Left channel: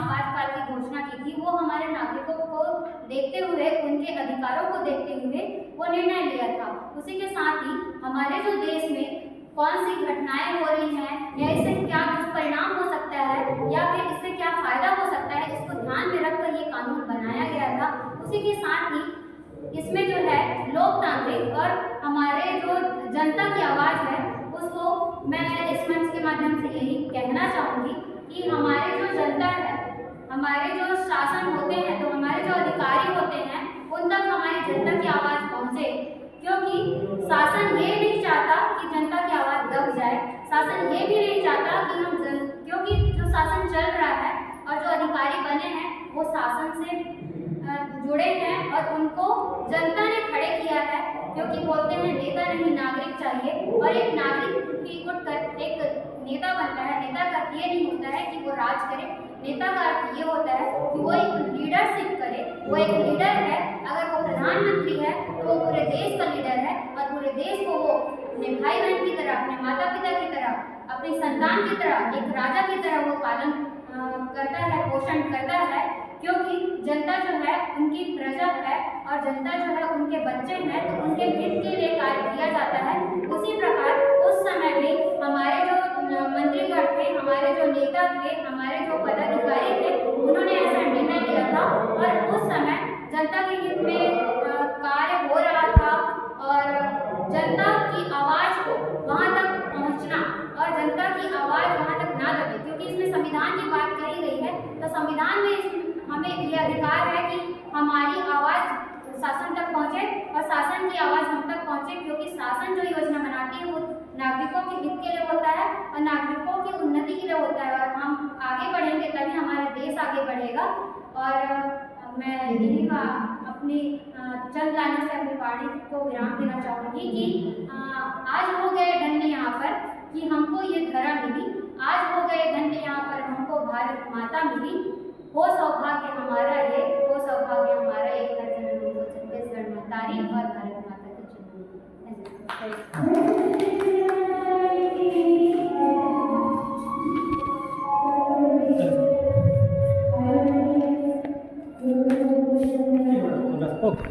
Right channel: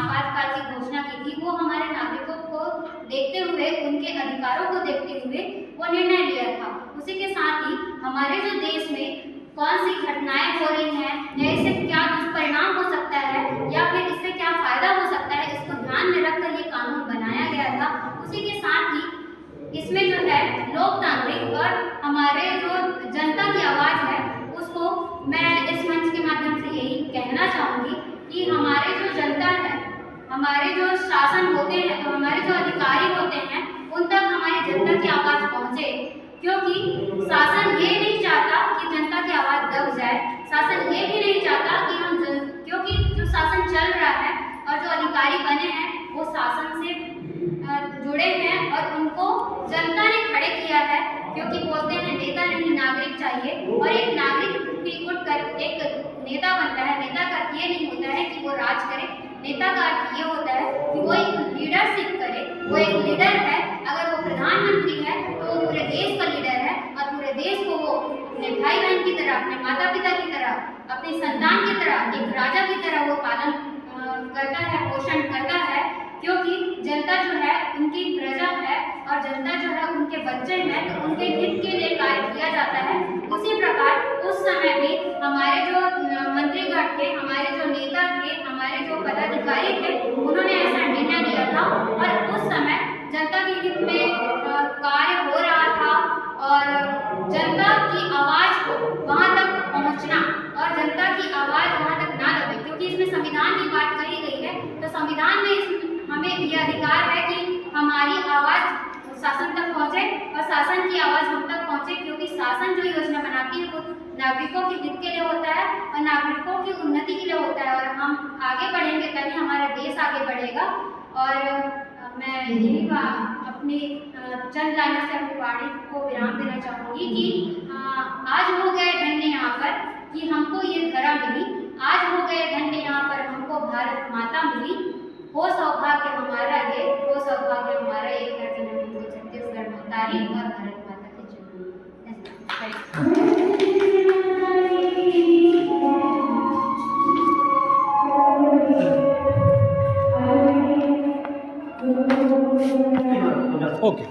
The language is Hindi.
आपातकाल की घोषणा की थी वो हमारे नागरिकों को देखते हुए, उनके अधिकारों को देखते हुए वो निर्णय लिया था। उसी के साथ ही हमारे जो देश में कौन सी घटनाएं हो रही हैं या इससे क्या दुष्परिणाम हो सकता है या फिर इससे क्या फायदा हो सकता है, इसको ध्यान में रखकर ये कानून बनाया गया था। उसी के साथ ही इसमें जो है लोकतांत्रिक और हमारे जो जनता की आवाज़ है उसको मैं इस मंच के माध्यम से यही कहना चाहूँगी कि हमारे जो जनता है, हमारे जो शासन होते हैं, तो हमारे जो अधिकारी होते हैं, उन तक हमारी जनता की आवाज़ पहुँचे, क्योंकि शासन ये नहीं चाहता कि जनता की आवाज़ दब जाए। शासन ये भी नहीं चाहता कि क्योंकि जो शासन चल रहा है और जो अधिकारी बने हैं वो शासन से जुड़े हैं और उनको जनता ने खड़े किया है, क्योंकि बोलते हैं नेता नहीं नागरिक चाहिए। और एक नागरिक भी उठकर एक नेता बनता है। नेता का अर्थ ये नहीं होता है कि वो राज करे, नेता का अर्थ ये होता है कि वो एक लीडरशिप करे। वो एक लीडर है। अगर वो प्रधानमंत्री है तो वो पूरे देश का लीडर है और पूरे देश को वो अपने भाई बहन की तरह, अपने माता पिता की तरह, अपनी संतान की तरह, एक राजा की तरह वो पालन करता है, पोषण करता है, क्योंकि जनता जो है उनकी प्रजा है और जनता जो है उनके बच्चे हैं, तो उनके हित के लिए कार्य किया जाता है। उसी प्रकार उस समय भी हमारे जो मंत्रीगण थे, हमारे जो नेता थे, हमारे जो पदाधिकारी थे, उन्होंने ऐसा निर्णय लिया था और उस समय जनता के हित में कार्य हो रहा था और जनता की आवाज़ को वहाँ तक पहुँचना और जनता की आवाज़ वहाँ तक ना दबे, क्योंकि इसमें संविधान की बात कही गई है। तो संविधान में हमें ये अधिकार है कि हमारी आवाज़ शासन तक पहुँचे और शासन की आवाज़ हम तक पहुँचे, क्योंकि शासन जो योजना बनाती है वो नागरिकों के हित के लिए होता है और नागरिकों की उन्नति के लिए होता है। और हम आगे बढ़ेंगे तभी हमारा देश आगे बढ़ेगा। और मैं यही अपनी चंद लाने से अपनी वाणी को विराम देना चाहूँगी कि आज हो गए धन्य यहाँ पर कि हमको ये धरा मिली, आज हो गए धन्य यहाँ पर हमको भारत माता मिली। हो सौभाग्य हमारा ये, हो सौभाग्य हमारा ये, हर जननी को छत्तीसगढ़ महतारी और भारत माता की जय। ओके।